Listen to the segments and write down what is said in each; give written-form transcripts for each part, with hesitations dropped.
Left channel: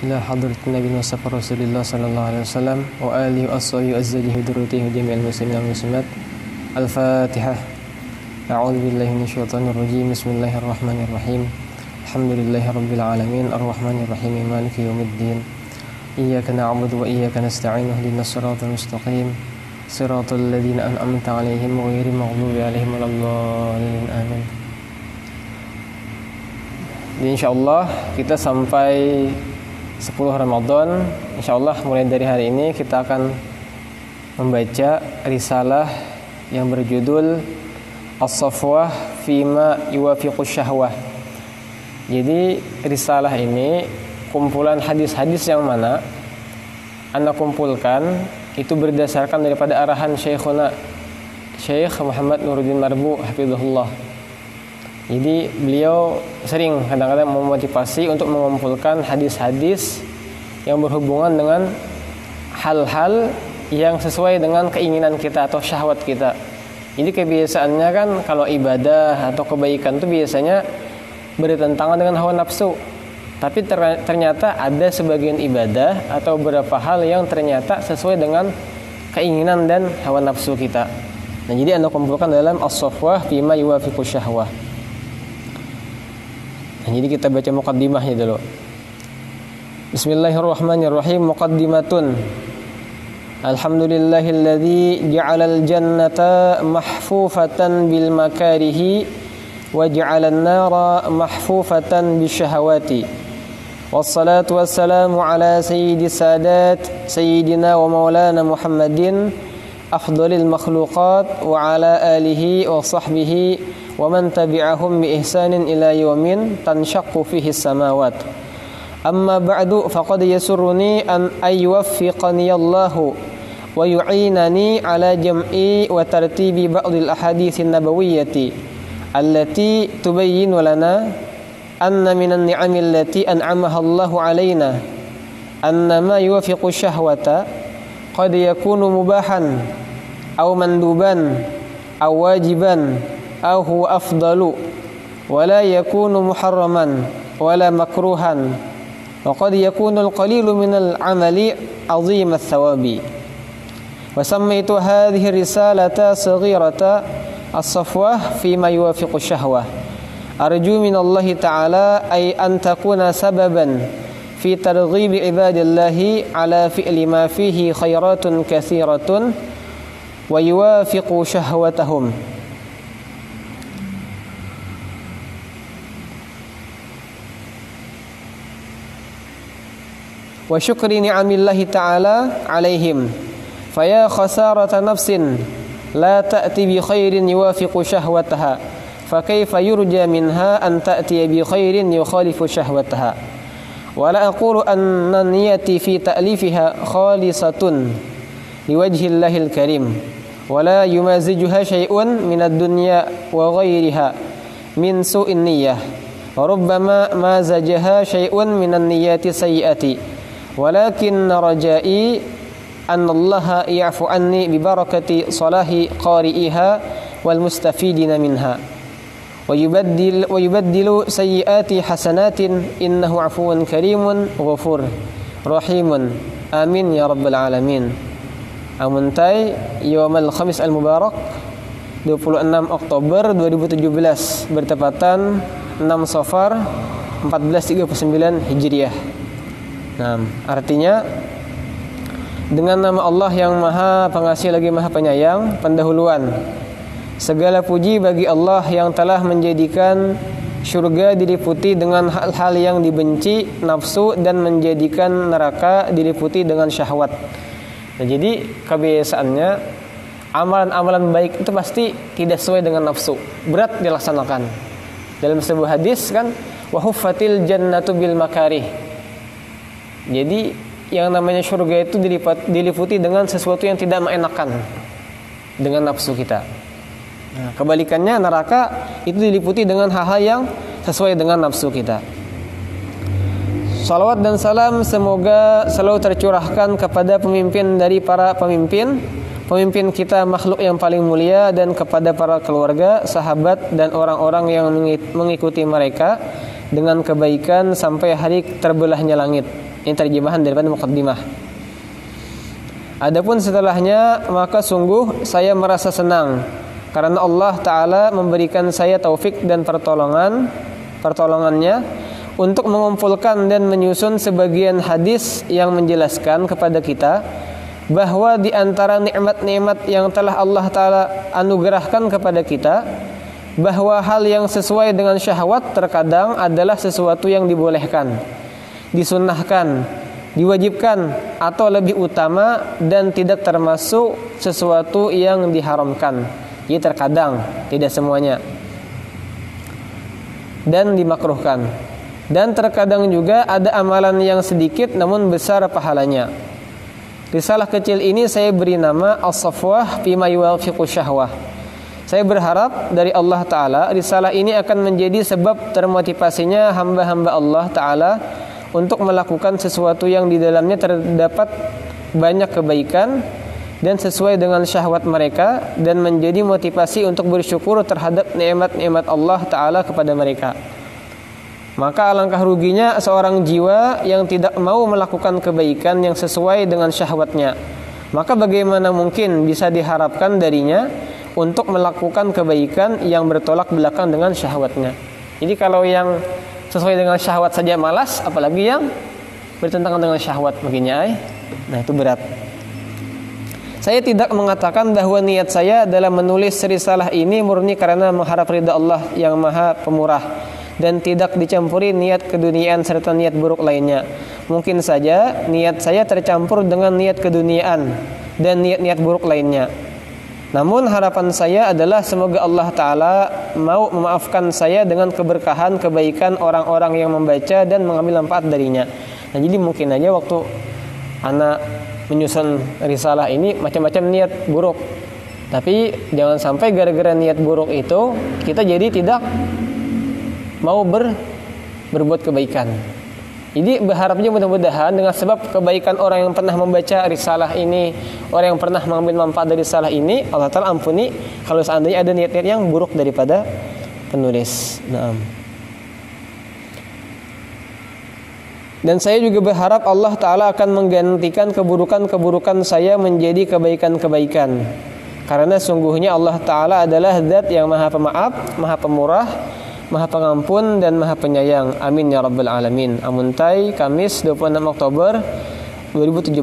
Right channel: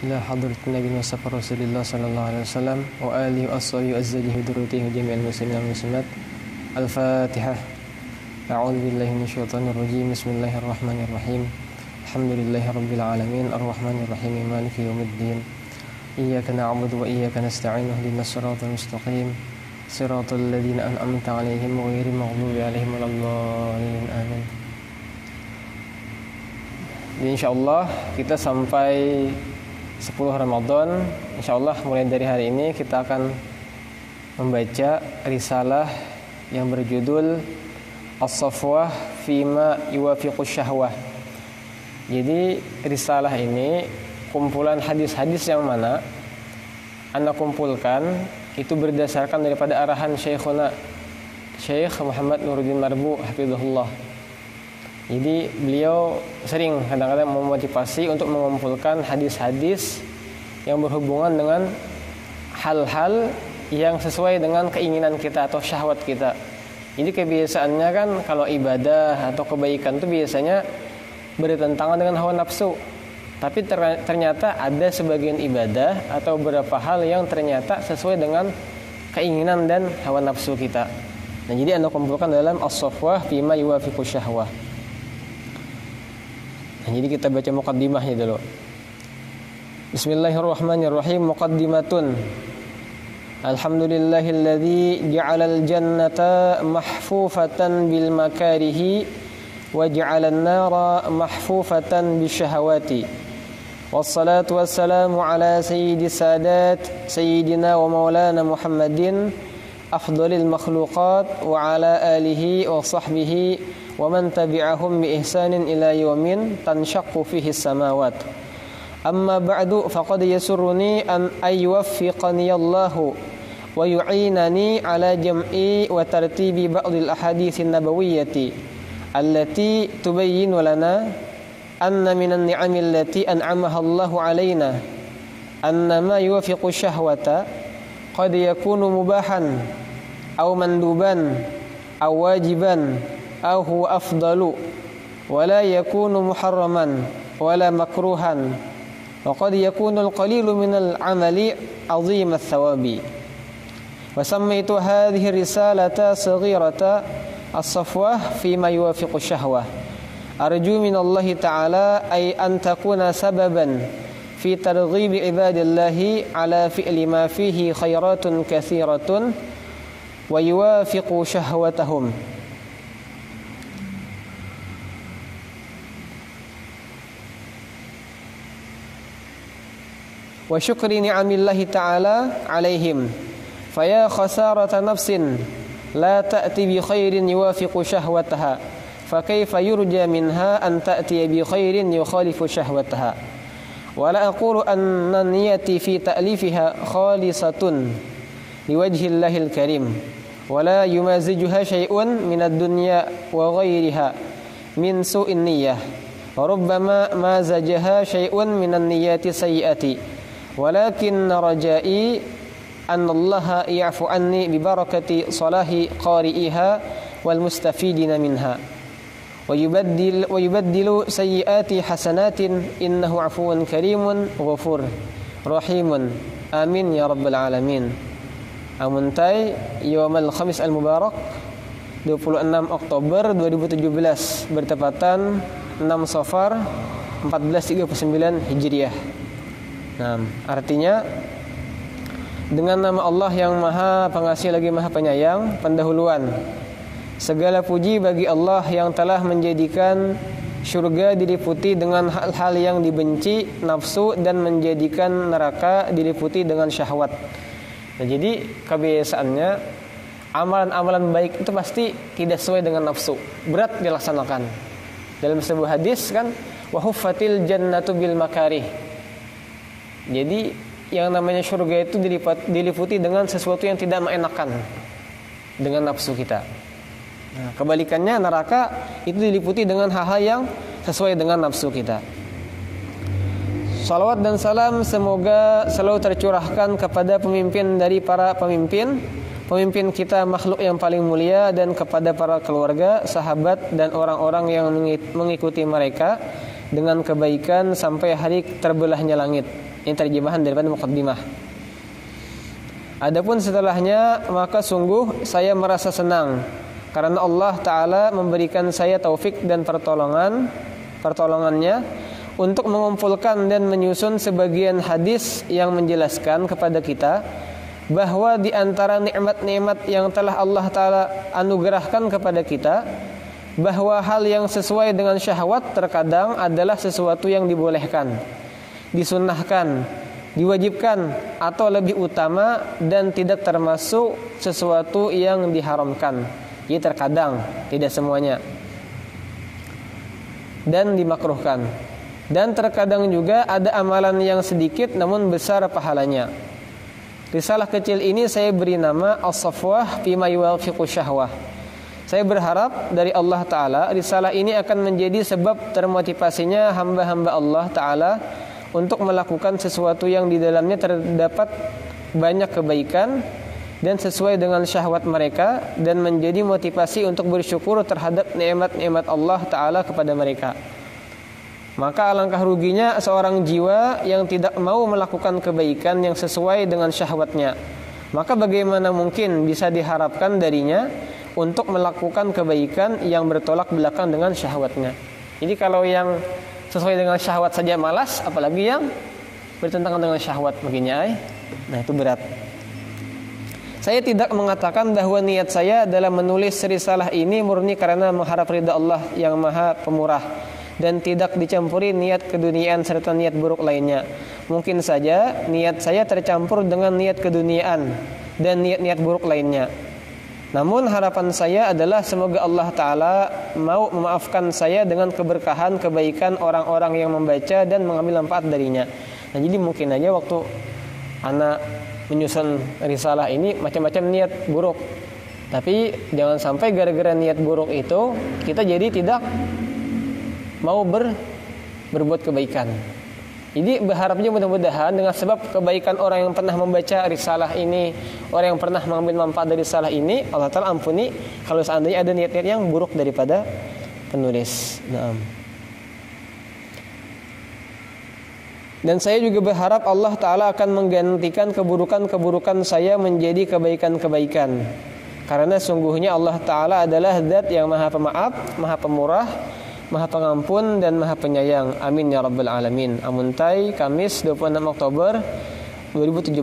إلى حضرة النبي المصطفى رسول الله صلى الله عليه وسلم وآله وأصحابه وأزواجه وذريته وجميع المسلمين والمسلمات. الفاتحة. أعوذ بالله من الشيطان الرجيم. بسم الله الرحمن الرحيم. الحمد لله رب العالمين الرحمن الرحيم مالك يوم الدين. إياك نعبد وإياك نستعين اهدنا الصراط المستقيم صراط الذين أنعمت عليهم غير المغضوب عليهم ولا الضالين. Amin. Insyaallah kita sampai 10 Ramadan. Insyaallah mulai dari hari ini kita akan membaca risalah yang berjudul As-Safwah Fima Yuwafiqus Syahwah. Jadi risalah ini kumpulan hadis-hadis yang mana Anda kumpulkan itu berdasarkan daripada arahan Syekhuna Syekh Muhammad Nuruddin Marbu hafizahullah. Jadi beliau sering kadang-kadang memotivasi untuk mengumpulkan hadis-hadis yang berhubungan dengan hal-hal yang sesuai dengan keinginan kita atau syahwat kita. Jadi kebiasaannya kan kalau ibadah atau kebaikan itu biasanya bertentangan dengan hawa nafsu. Tapi ternyata ada sebagian ibadah atau beberapa hal yang ternyata sesuai dengan keinginan dan hawa nafsu kita. Nah, jadi Anda kumpulkan dalam As-Safwah Fima Yuwafiqus Syahwah. Nah, jadi kita baca muqaddimahnya dulu. Bismillahirrahmanirrahim. Muqaddimatun. Alhamdulillahilladzi ja'alal jannata mahfufatan bil makarihi wa ja'alan nara mahfufatan bisyahawati. Wassalatu wassalamu ala sayyidis sadat sayyidina wa maulana Muhammadin afdhalil makhluqat wa ala alihi wa sahbihi wa man tabi'ahum bi ihsanin ila yaumin tanshaqqu fihi as-samawat. Amma ba'du faqad yasurruni an yuwaffiqani Allahu wa yu'inani ala jam'i wa tartibi ba'dil ahaditsin nabawiyyati allati tubayyinu lana anna minan ni'ami allati an'amaha Allahu alaina anna ma yuwafiqu syahwata qad yakunu mubahan aw manduban aw wajiban aw huwa afdalu wa la yakunu muharraman wa la makruhan wa qad yakunu al-qalilu min al-amali 'azima ath-thawabi. Wa sammaytu hadhihi risalata saghirata as-safwah fima yuwafiqu syahwah. Arju min Allah Ta'ala ay an takuna sababan fi targhibi ibadillahi ala fi'li ma fihi khairatun katsiratun wa yuwafiqu syahwatahum. Wa syukri ni'amillahi ta'ala alaihim. Faya khasarata nafsin la ta'ti bi khairin yuwafiqu syahwataha. Fa kaifa yurja minha an ta'ti bi khairin yukhalifu syahwataha. Wa la aqulu anna niyati fi ta'lifiha khalisatun liwajhillahil karim. Wa la yumazijuha syai'un minad dunya wa ghairiha min su'in niyyah. Wa rubbama mazajaha syai'un minan niyyati sayyi'ati. Walakin rajai annallaha ya'fu anni bi barakati salahi qari'iha wal mustafidina minha wa yubaddilu sayyiati hasanatin innahu 'afuwun karimun ghafur rahimun. Amin ya rabbal alamin. Amuntai Yaumul Khamis al-Mubarak 26 Oktober 2017 bertepatan 6 Safar 1439 Hijriah. Nah, artinya dengan nama Allah yang Maha Pengasih lagi Maha Penyayang, pendahuluan. Segala puji bagi Allah yang telah menjadikan surga diliputi dengan hal-hal yang dibenci nafsu dan menjadikan neraka diliputi dengan syahwat. Nah, jadi kebiasaannya amalan-amalan baik itu pasti tidak sesuai dengan nafsu, berat dilaksanakan. Dalam sebuah hadis kan, wa huffatil jannatu bil makarih. Jadi yang namanya surga itu diliputi dengan sesuatu yang tidak mengenakan dengan nafsu kita. Nah, kebalikannya neraka itu diliputi dengan hal-hal yang sesuai dengan nafsu kita. Salawat dan salam semoga selalu tercurahkan kepada pemimpin dari para pemimpin, pemimpin kita makhluk yang paling mulia, dan kepada para keluarga, sahabat, dan orang-orang yang mengikuti mereka dengan kebaikan sampai hari terbelahnya langit. Ini terjemahan daripada muqaddimah. Adapun setelahnya, maka sungguh saya merasa senang karena Allah Ta'ala memberikan saya taufik dan pertolongannya untuk mengumpulkan dan menyusun sebagian hadis yang menjelaskan kepada kita bahwa di antara nikmat-nikmat yang telah Allah Ta'ala anugerahkan kepada kita, bahwa hal yang sesuai dengan syahwat terkadang adalah sesuatu yang dibolehkan, disunnahkan, diwajibkan, atau lebih utama dan tidak termasuk sesuatu yang diharamkan. Jadi terkadang, tidak semuanya, dan dimakruhkan. Dan terkadang juga ada amalan yang sedikit namun besar pahalanya. Risalah kecil ini saya beri nama As-Safwah Fima Yuwafiqu Syahwah. Saya berharap dari Allah Ta'ala risalah ini akan menjadi sebab termotivasinya hamba-hamba Allah Ta'ala untuk melakukan sesuatu yang di dalamnya terdapat banyak kebaikan dan sesuai dengan syahwat mereka, dan menjadi motivasi untuk bersyukur terhadap nikmat-nikmat Allah Ta'ala kepada mereka. Maka alangkah ruginya seorang jiwa yang tidak mau melakukan kebaikan yang sesuai dengan syahwatnya. Maka bagaimana mungkin bisa diharapkan darinya untuk melakukan kebaikan yang bertolak belakang dengan syahwatnya. Jadi kalau yang sesuai dengan syahwat saja malas, apalagi yang bertentangan dengan syahwat baginya. Nah, itu berat. Saya tidak mengatakan bahwa niat saya dalam menulis risalah ini murni karena mengharap ridha Allah yang Maha Pemurah, dan tidak dicampuri niat keduniaan serta niat buruk lainnya. Mungkin saja niat saya tercampur dengan niat keduniaan dan niat-niat buruk lainnya. Namun harapan saya adalah semoga Allah Ta'ala mau memaafkan saya dengan keberkahan kebaikan orang-orang yang membaca dan mengambil manfaat darinya. Nah, jadi mungkin aja waktu anak menyusun risalah ini macam-macam niat buruk, tapi jangan sampai gara-gara niat buruk itu kita jadi tidak mau berbuat kebaikan. Jadi berharapnya mudah-mudahan dengan sebab kebaikan orang yang pernah membaca risalah ini, orang yang pernah mengambil manfaat dari risalah ini, Allah Ta'ala ampuni kalau seandainya ada niat-niat yang buruk daripada penulis. Naam. Dan saya juga berharap Allah Ta'ala akan menggantikan keburukan-keburukan saya menjadi kebaikan-kebaikan. Karena sungguhnya Allah Ta'ala adalah zat yang maha pemaaf, maha pemurah, maha pengampun, dan maha penyayang. Amin ya rabbal alamin. Amuntai, Kamis 26 Oktober 2017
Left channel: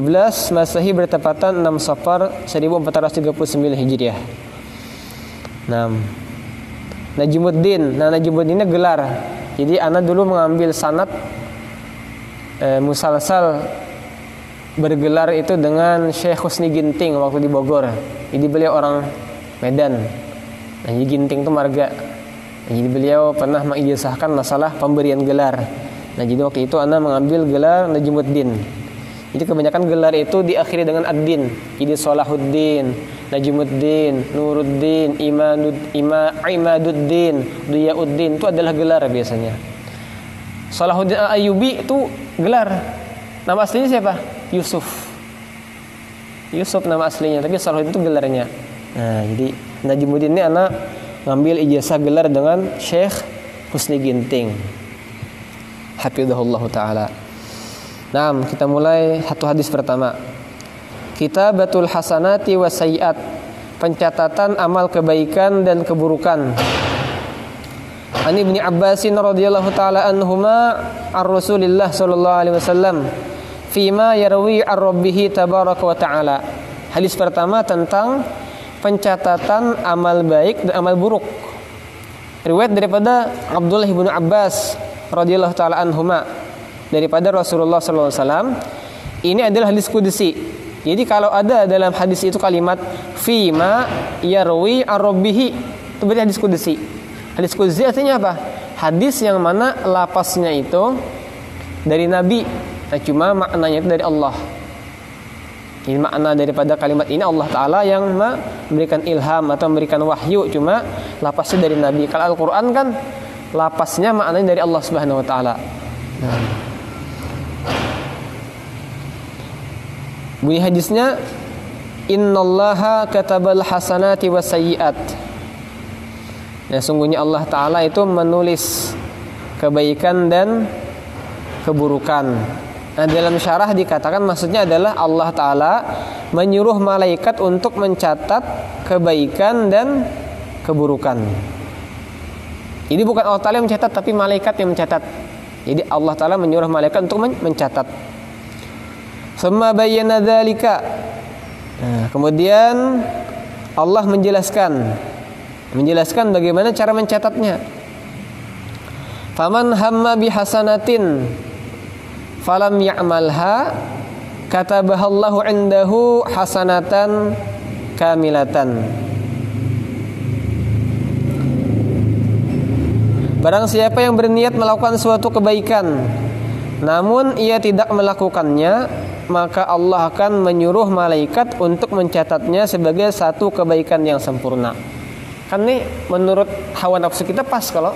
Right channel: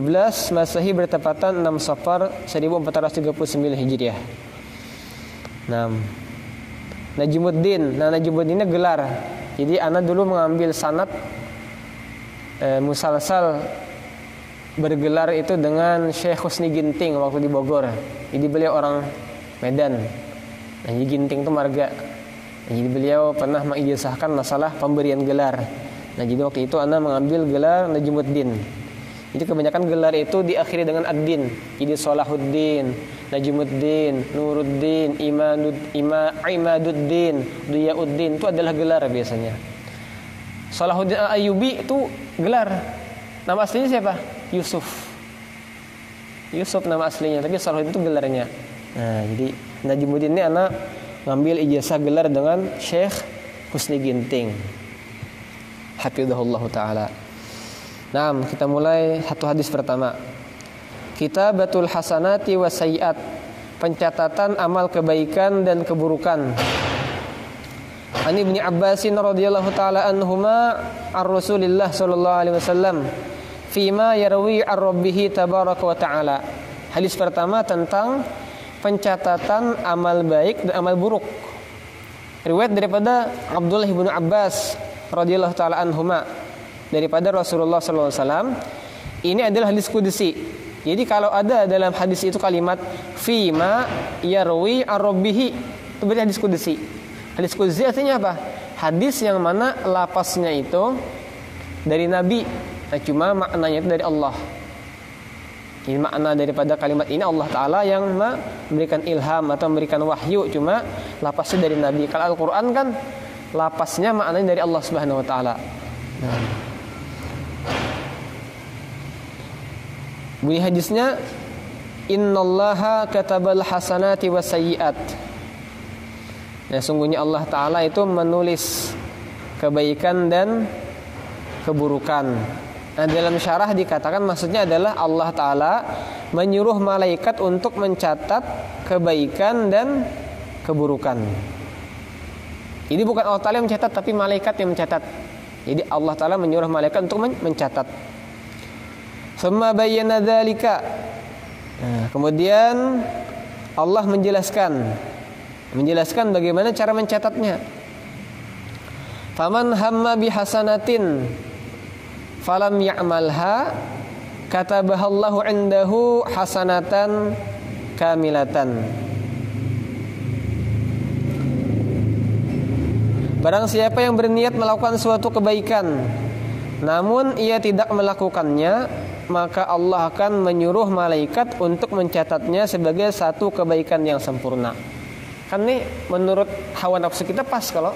Masehi bertepatan 6 Safar 1439 Hijriah. Najmuddin. Nah, Najmuddin ini gelar. Jadi ana dulu mengambil sanad musalsal bergelar itu dengan Syekh Husni Ginting waktu di Bogor. Jadi beliau orang Medan. Nah, jadi Ginting itu marga. Jadi beliau pernah mengijazahkan masalah pemberian gelar. Nah, jadi waktu itu ana mengambil gelar Najmuddin. Jadi kebanyakan gelar itu diakhiri dengan ad-din. Jadi Salahuddin, Najmuddin, Nuruddin, Imaduddin, Diyauddin itu adalah gelar biasanya. Salahuddin Al-Ayyubi itu gelar. Nama aslinya siapa? Yusuf nama aslinya, tapi Salahuddin itu gelarnya. Nah, jadi Najmuddin ini anak ngambil ijazah gelar dengan Syekh Husni Ginting, hafizahullah ta'ala. Nah, kita mulai satu hadis pertama. Kitabatul hasanati wa sayyiat, pencatatan amal kebaikan dan keburukan. Ani Ibnu Abbasin radhiyallahu ta'ala anhuma ar-Rasulillah sallallahu alaihi wasallam fima yarwi ar-rabbih tabaraka wa ta'ala. Hadis pertama tentang pencatatan amal baik dan amal buruk. Riwayat daripada Abdullah bin Abbas radhiyallahu ta'ala anhuma daripada Rasulullah sallallahu alaihi wasallam. Ini adalah hadis qudsi. Jadi kalau ada dalam hadis itu kalimat fima yarwi ar-rabbih, itu berarti hadis qudsi. Hadis qudsi artinya apa? Hadis yang mana lapasnya itu dari Nabi, cuma maknanya itu dari Allah. Ini makna daripada kalimat ini Allah Ta'ala yang memberikan ilham atau memberikan wahyu, cuma lapasnya dari Nabi. Kalau Al-Quran kan lapasnya maknanya dari Allah Subhanahu Wa Ta'ala. Bunyi hadisnya, Innallaha katabal hasanati wa sayyiat. Nah, sungguhnya Allah Ta'ala itu menulis kebaikan dan keburukan. Nah, dalam syarah dikatakan maksudnya adalah Allah Ta'ala menyuruh malaikat untuk mencatat kebaikan dan keburukan. Jadi bukan Allah Ta'ala yang mencatat, tapi malaikat yang mencatat. Jadi Allah Ta'ala menyuruh malaikat untuk mencatat. Summa bayyana dzalika. Nah, kemudian Allah menjelaskan bagaimana cara mencatatnya. Faman hamma bihasanatin falam ya'malha katabahallahu indahu hasanatan kamilatan. Barang siapa yang berniat melakukan suatu kebaikan namun ia tidak melakukannya, maka Allah akan menyuruh malaikat untuk mencatatnya sebagai satu kebaikan yang sempurna. Kan nih menurut hawa nafsu kita pas kalau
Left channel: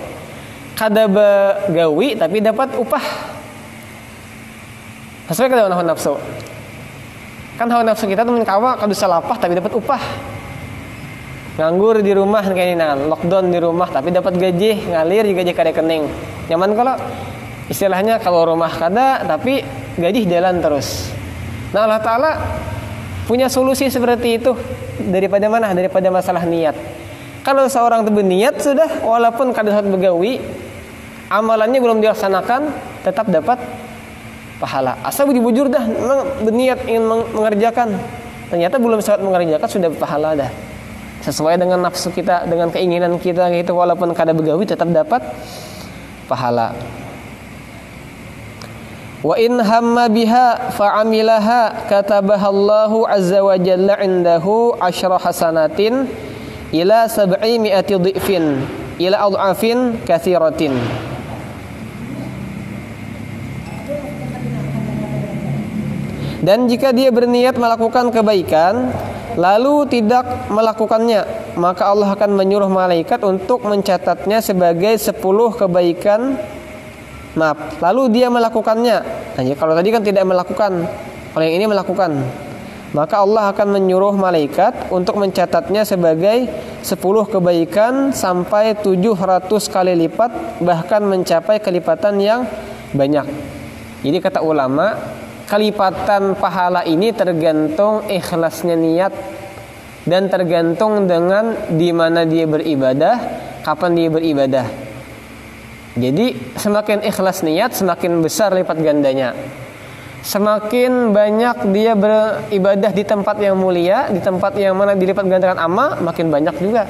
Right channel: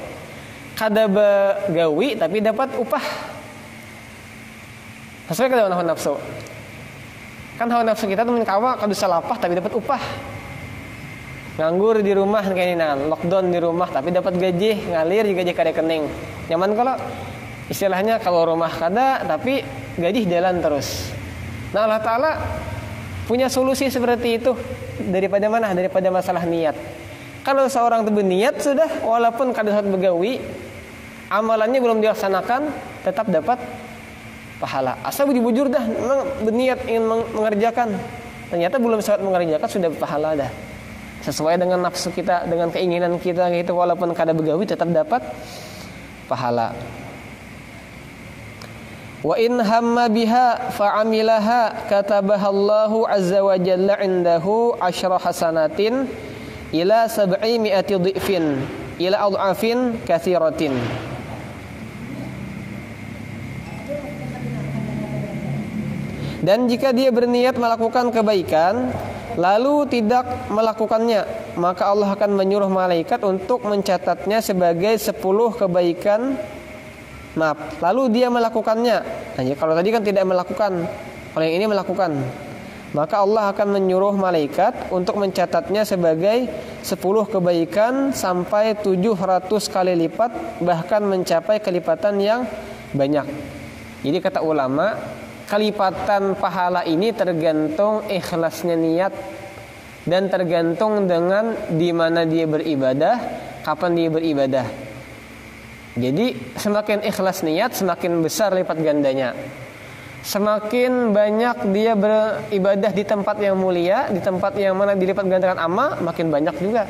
kada begawi tapi dapat upah. Sesuai dengan hawa nafsu. Kan hawa nafsu kita temen kawa kada salapah tapi dapat upah. Nganggur di rumah kayak ini, lockdown di rumah tapi dapat gaji, ngalir juga gaji kada kening. Nyaman kalau istilahnya kalau rumah kada tapi gaji jalan terus. Nah, Allah Ta'ala punya solusi seperti itu. Daripada mana? Daripada masalah niat. Kalau seorang itu berniat sudah, walaupun kada saat begawi, amalannya belum dilaksanakan, tetap dapat pahala. Asal bujur dah, memang berniat ingin mengerjakan, ternyata belum sempat mengerjakan sudah pahala dah. Sesuai dengan nafsu kita, dengan keinginan kita gitu, walaupun kada begawi tetap dapat pahala. Wa in hamma biha fa'amilaha katabahallahu azza wa jalla indahu 10 hasanatin ila 700 dhifin ila adhafin katsiratin. Dan jika dia berniat melakukan kebaikan lalu tidak melakukannya, maka Allah akan menyuruh malaikat untuk mencatatnya sebagai 10 kebaikan. Lalu dia melakukannya. Nah, kalau tadi kan tidak melakukan, kalau yang ini melakukan, maka Allah akan menyuruh malaikat untuk mencatatnya sebagai 10 kebaikan sampai 700 kali lipat, bahkan mencapai kelipatan yang banyak. Jadi kata ulama, kelipatan pahala ini tergantung ikhlasnya niat dan tergantung dengan di mana dia beribadah, kapan dia beribadah. Jadi semakin ikhlas niat, semakin besar lipat gandanya. Semakin banyak dia beribadah di tempat yang mulia, di tempat yang mana dilipat gandakan amal, makin banyak juga.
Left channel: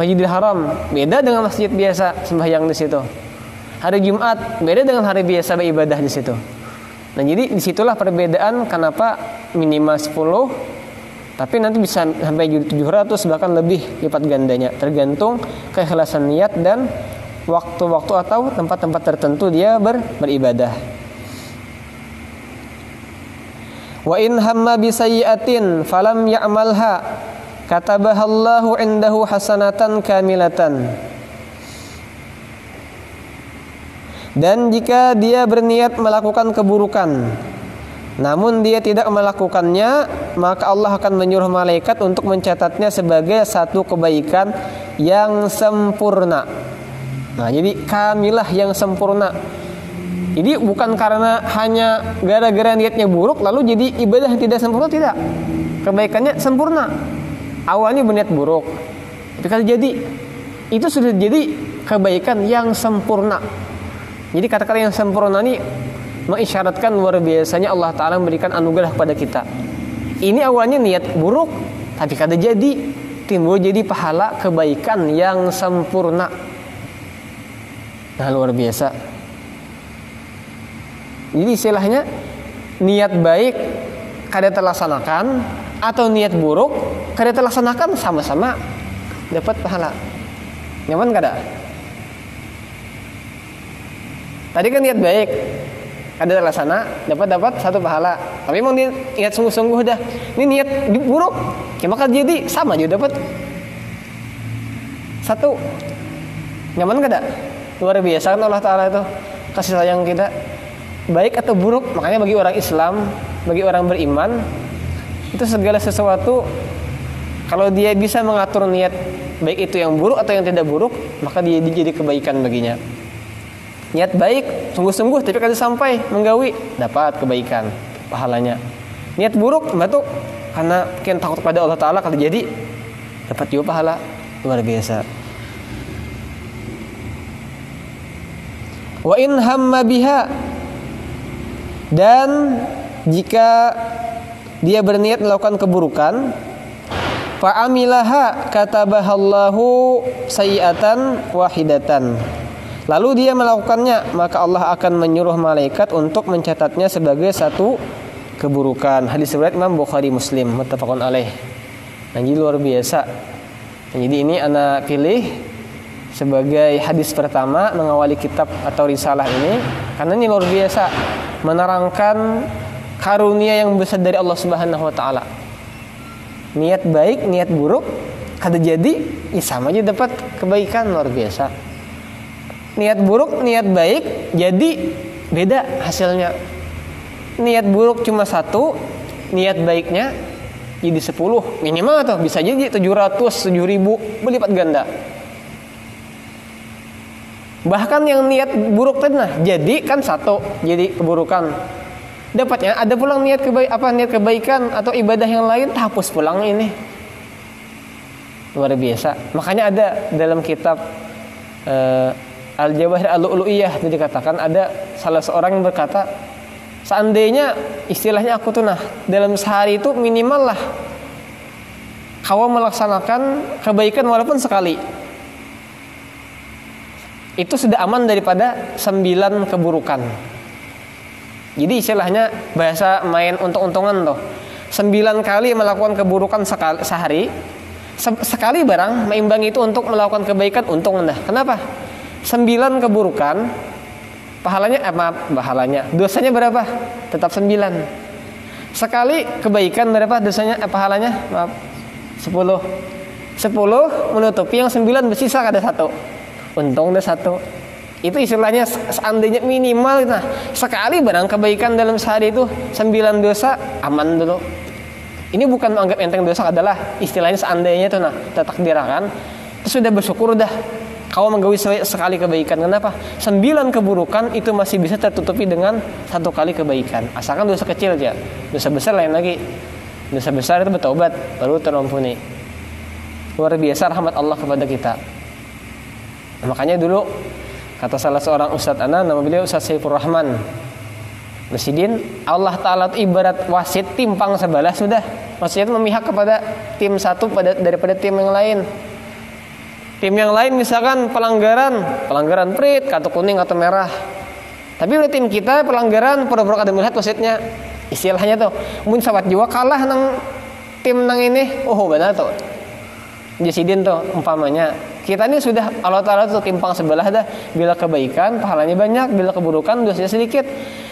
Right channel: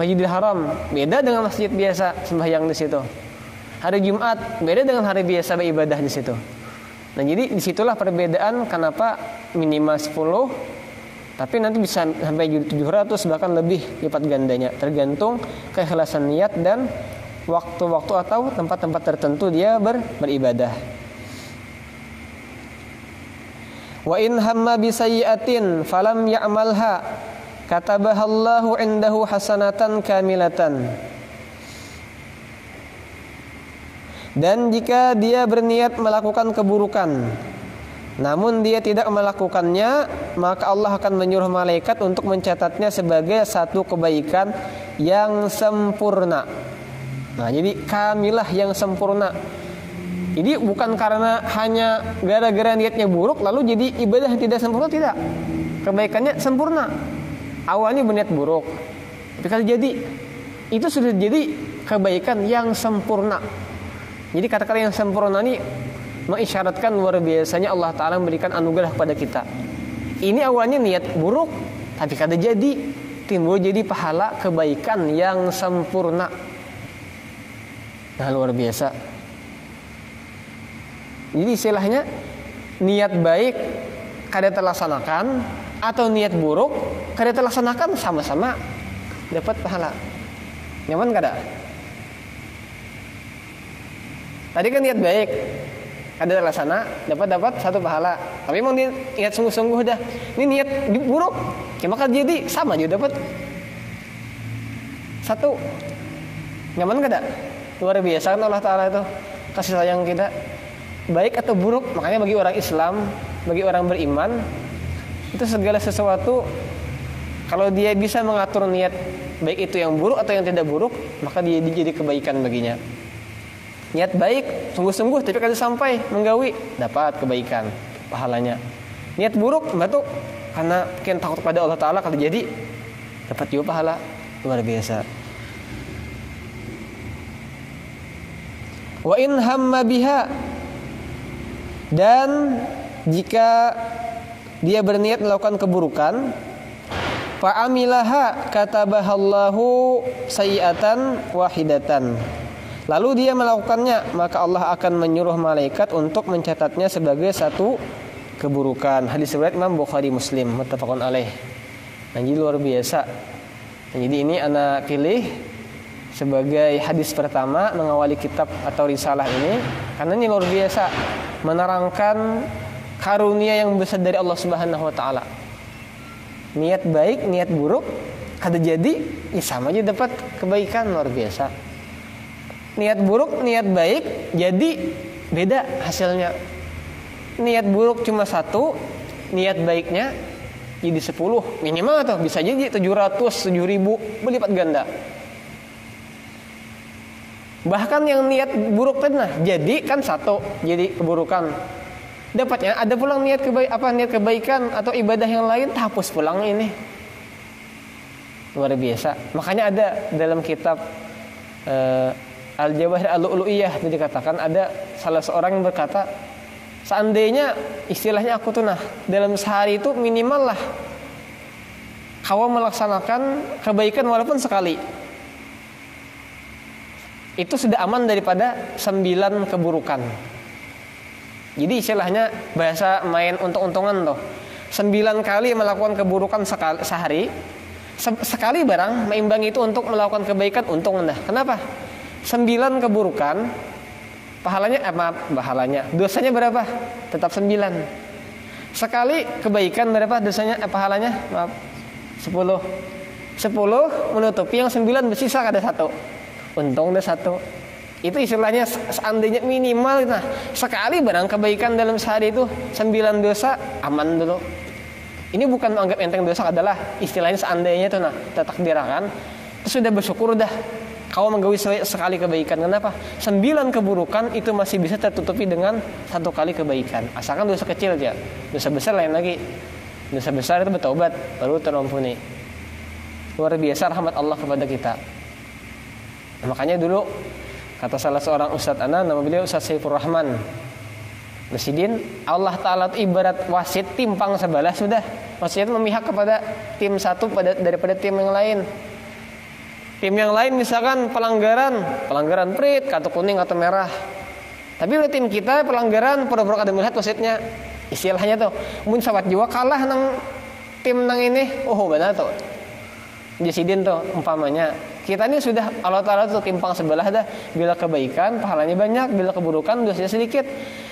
Masjidil Haram beda dengan masjid biasa sembahyang di situ. Hari Jumat beda dengan hari biasa beribadah di situ. Nah, jadi disitulah perbedaan kenapa minimal 10, tapi nanti bisa sampai 700 bahkan lebih lipat gandanya, tergantung keikhlasan niat dan waktu-waktu atau tempat-tempat tertentu dia beribadah. Wa in hamma bi sayyi'atin falam ya'malha katabahallahu indahu hasanatan kamilatan. Dan jika dia berniat melakukan keburukan namun dia tidak melakukannya, maka Allah akan menyuruh malaikat untuk mencatatnya sebagai satu kebaikan yang sempurna. Nah, jadi kamilah yang sempurna. Jadi bukan karena hanya gara-gara niatnya buruk lalu jadi ibadah yang tidak sempurna, tidak. Kebaikannya sempurna. Awalnya berniat buruk, tapi kalau jadi itu sudah jadi kebaikan yang sempurna. Jadi kata-kata yang sempurna ini mengisyaratkan luar biasanya Allah Ta'ala memberikan anugerah kepada kita. Ini awalnya niat buruk, tapi kada jadi, timbul jadi pahala kebaikan yang sempurna. Nah, luar biasa. Jadi istilahnya niat baik kada terlaksanakan atau niat buruk kada terlaksanakan sama-sama dapat pahala. Nyaman kada? Tadi kan niat baik kada terlaksana dapat satu pahala. Tapi memang dia niat sungguh-sungguh dah. Ini niat buruk, maka jadi sama juga dapat satu. Nyaman kada? Luar biasa kan Allah Ta'ala itu kasih sayang kita, baik atau buruk. Makanya bagi orang Islam, bagi orang beriman, itu segala sesuatu kalau dia bisa mengatur niat baik itu yang buruk atau yang tidak buruk, maka dia jadi kebaikan baginya. Niat baik, sungguh-sungguh tapi kada sampai menggawi, dapat kebaikan, pahalanya. Niat buruk, batu karena mungkin takut pada Allah Ta'ala kada jadi, dapat juga pahala. Luar biasa. Wa in hamma biha, dan jika dia berniat melakukan keburukan, fa'amilaha katabahallahu sayyi'atan wahidatan, lalu dia melakukannya, maka Allah akan menyuruh malaikat untuk mencatatnya sebagai satu keburukan. Hadis riwayat Imam Bukhari Muslim, muttafaqun alaih. Jadi luar biasa. Jadi ini ana pilih sebagai hadis pertama mengawali kitab atau risalah ini karena ini luar biasa, menerangkan karunia yang besar dari Allah Subhanahu wa taala. Niat baik, niat buruk kada jadi, sama aja dapat kebaikan, luar biasa. Niat buruk, niat baik jadi beda hasilnya. Niat buruk cuma 1, niat baiknya jadi 10 minimal tuh, bisa jadi 700, 7.000 berlipat ganda. Bahkan yang niat buruk tadi jadi kan 1, jadi keburukan. Dapatnya ada pulang niat kebaikan atau ibadah yang lain, hapus pulang ini. Luar biasa. Makanya ada dalam kitab Al-Jawahir Al-Lu'lu'iyah itu dikatakan ada salah seorang yang berkata, seandainya istilahnya aku tuh dalam sehari itu minimal lah kau melaksanakan kebaikan walaupun sekali, itu sudah aman daripada 9 keburukan. Jadi istilahnya bahasa main untung-untungan tuh, 9 kali melakukan keburukan sehari, sekali barang meimbangi itu untuk melakukan kebaikan, untung dah. Kenapa? 9 keburukan pahalanya dosanya berapa? Tetap 9. Sekali kebaikan berapa dosanya pahalanya? 10 menutupi yang 9 bersisa ada 1. Untung ada 1. Itu istilahnya seandainya minimal sekali barang kebaikan dalam sehari itu 9 dosa aman dulu. Ini bukan menganggap enteng dosa, adalah istilahnya seandainya itu tertakdirkan, itu sudah bersyukur dah kau menggawi sekali kebaikan. Kenapa? 9 keburukan itu masih bisa tertutupi dengan 1 kali kebaikan. Asalkan dosa kecil aja. Dosa besar lain lagi. Dosa besar itu bertobat baru terampuni. Luar biasa rahmat Allah kepada kita. Makanya dulu kata salah seorang ustadz nama beliau Ustadz Saifur Rahman Residin, Allah Ta'ala ibarat wasit timpang sebelah sudah. Maksudnya memihak kepada tim satu daripada tim yang lain. Tim yang lain misalkan pelanggaran prit, kartu kuning atau merah. Tapi udah tim kita pelanggaran pura-pura kada melihat wasitnya. Istilahnya tuh, mun sahabat jiwa kalah nang tim nang ini, benar tuh. Jasidin tuh umpamanya. Kita ini sudah Allah Ta'ala tuh timpang sebelah dah. Bila kebaikan pahalanya banyak, bila keburukan dosanya sedikit.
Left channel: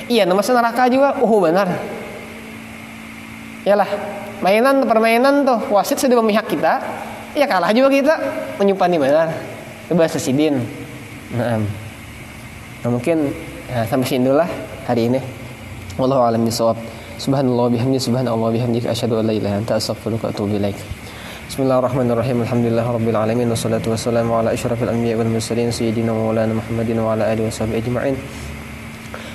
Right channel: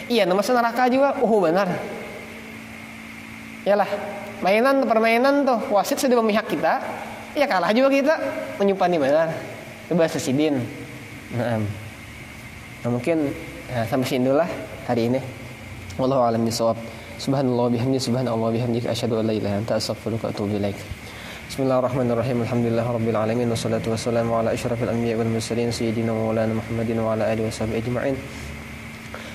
Iya, nama neraka juga. Benar. Yalah, permainan tuh wasit sudah memihak kita. Ya kalah juga kita, menyumpani benar. Itu bahasa sidin. Nah, mungkin sampai sini dulu lah hari ini. Wallahu a'lam bishawab. Subhanallah bihamdihi subhanallah bihamdihi asyhadu an la ilaha illa anta astaghfiruka wa atubu ilaik. Bismillahirrahmanirrahim. Alhamdulillahirabbil alamin wassalatu wassalamu ala asyrafil anbiya'i wal mursalin sayyidina wa maulana Muhammadin wa ala alihi washabihi ajma'in.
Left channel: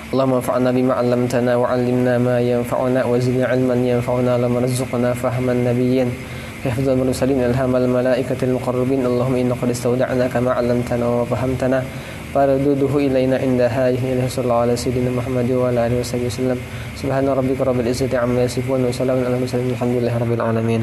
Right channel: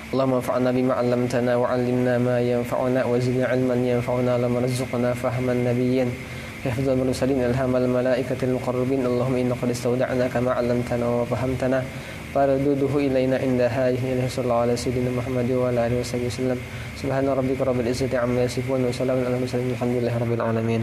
Allahumma anfa'na bima 'allamtana wa 'allimna ma yanfa'una wa zidna 'ilman yanfa'una lam warzuqna fahman nabiyyin hifdzal mursalin ilhamal malaikatil muqarrabin. Allahumma inna qad istawda'naka ma 'allamtana wa fahamtana farudduhu ilaina inda hadhihi sallallahu ala sayyidina Muhammad wa ala alihi wasallam. Subhana rabbika rabbil izzati amma yasifun wa salamun alal mursalin walhamdulillahi rabbil alamin.